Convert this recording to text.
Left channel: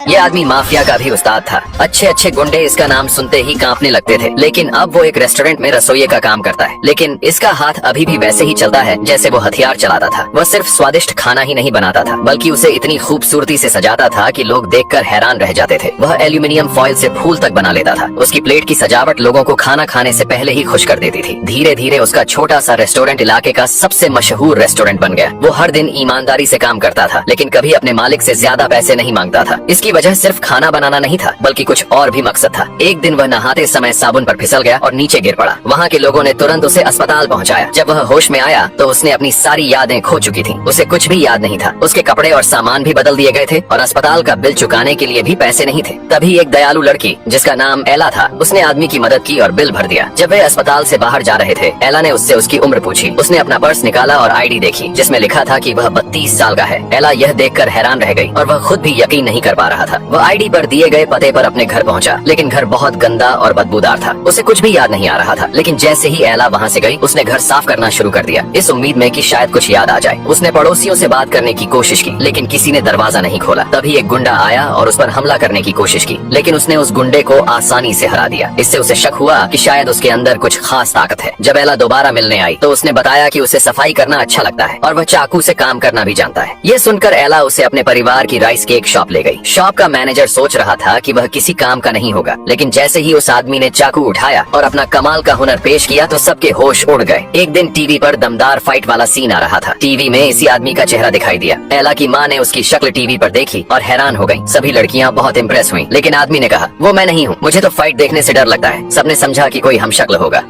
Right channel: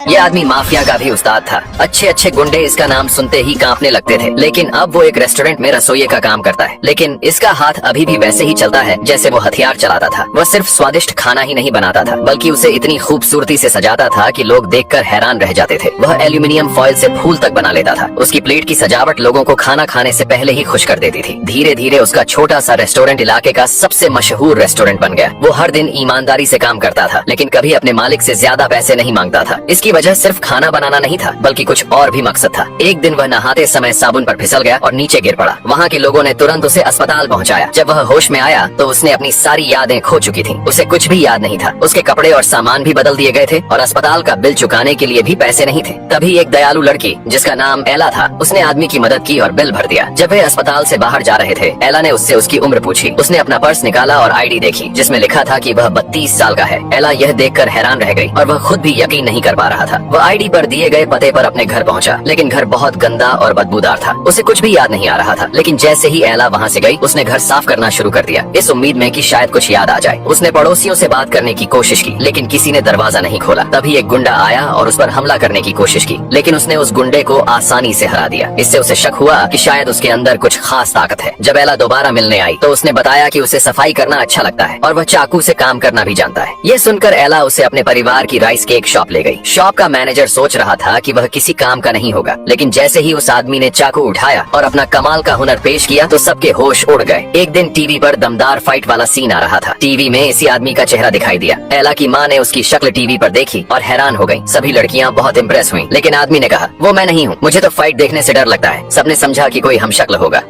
ये आदमी माफिया का भी उस्ताद था। अच्छे अच्छे गुंडे इसका नाम सुनते ही कांपने लगते थे। लेकिन अब वो एक रेस्टोरेंट में रसोइये का काम करता है। लेकिन इसका हाथ अभी भी वैसे ही चलता है जैसे वो हथियार चलाता था। वह सिर्फ स्वादिष्ट खाना ही नहीं बनाता था, बल्कि उसे इतनी खूबसूरती से सजाता था कि लोग देखकर हैरान रह जाते थे। वह एल्यूमिनियम फॉइल से फूल तक बना लेता था। उसकी प्लेट की सजावट लोगों को खाना खाने से पहले ही खुश कर देती थी। धीरे धीरे उसका छोटा सा रेस्टोरेंट इलाके का सबसे मशहूर रेस्टोरेंट बन गया। वो हर दिन ईमानदारी से काम करता था, लेकिन कभी अपने मालिक से ज्यादा पैसे नहीं मांगता था। इसकी वजह सिर्फ खाना बनाना नहीं था, बल्कि कुछ और भी मकसद था। एक दिन वह नहाते समय साबुन पर फिसल गया और नीचे गिर पड़ा। वहाँ के लोगों ने तुरंत उसे अस्पताल पहुँचाया। जब वह होश में आया तो उसने अपनी सारी यादें खो चुकी थी। उसे कुछ भी याद नहीं था। उसके कपड़े और सामान भी बदल दिए गए थे और अस्पताल का बिल चुकाने के लिए भी पैसे नहीं थे। तभी एक दयालु लड़की जिसका नाम एला था, उसने आदमी की मदद की और बिल भर दिया। जब वे अस्पताल से बाहर जा रहे थे, एला ने उससे उसकी उम्र पूछी। उसने अपना पर्स निकाला और आईडी देखी, जिसमें लिखा था कि वह 32 साल का है। एला यह देखकर हैरान रह गई और वह खुद भी यकीन नहीं कर पा रहा था। वह आईडी पर दिए गए पते पर अपने घर पहुंचा, लेकिन घर बहुत गंदा और बदबूदार था। उसे कुछ भी याद नहीं आ रहा था। लेकिन जैसे ही एला वहाँ से गई, उसने घर साफ करना शुरू कर दिया, इस उम्मीद में कि शायद कुछ याद आ जाए। उसने पड़ोसियों से बात करने की कोशिश की, लेकिन किसी ने दरवाजा नहीं खोला। तभी एक गुंडा आया और उस पर हमला करने की कोशिश की, लेकिन उसने उस गुंडे को आसानी से हरा दिया। इससे उसे शक हुआ कि शायद उसके अंदर कुछ खास ताकत है। जब एला दोबारा मिलने आई तो उसने बताया कि उसे सफाई करना अच्छा लगता है और वह चाकू से काम करना भी जानता है। ये सुनकर एला उसे अपने परिवार की राइस केक शॉप ले गई। शॉप का मैनेजर सोच रहा था कि वह किसी काम का नहीं होगा, लेकिन जैसे ही उस आदमी ने चाकू उठाया और अपना कमाल का हुनर पेश किया तो सबके होश उड़ गए। एक दिन टीवी पर दमदार फाइट वाला सीन आ रहा था। टीवी में इसी आदमी का चेहरा दिखाई दिया। एला की माँ ने उसकी शक्ल टीवी पर देखी और हैरान हो गई। सभी लड़कियाँ बहुत इम्प्रेस हुई, लेकिन आदमी ने कहा, वो मैं नहीं हूँ, मुझे तो फाइट देखने से डर लगता है। सबने समझा कि कोई हमशक्ल होगा।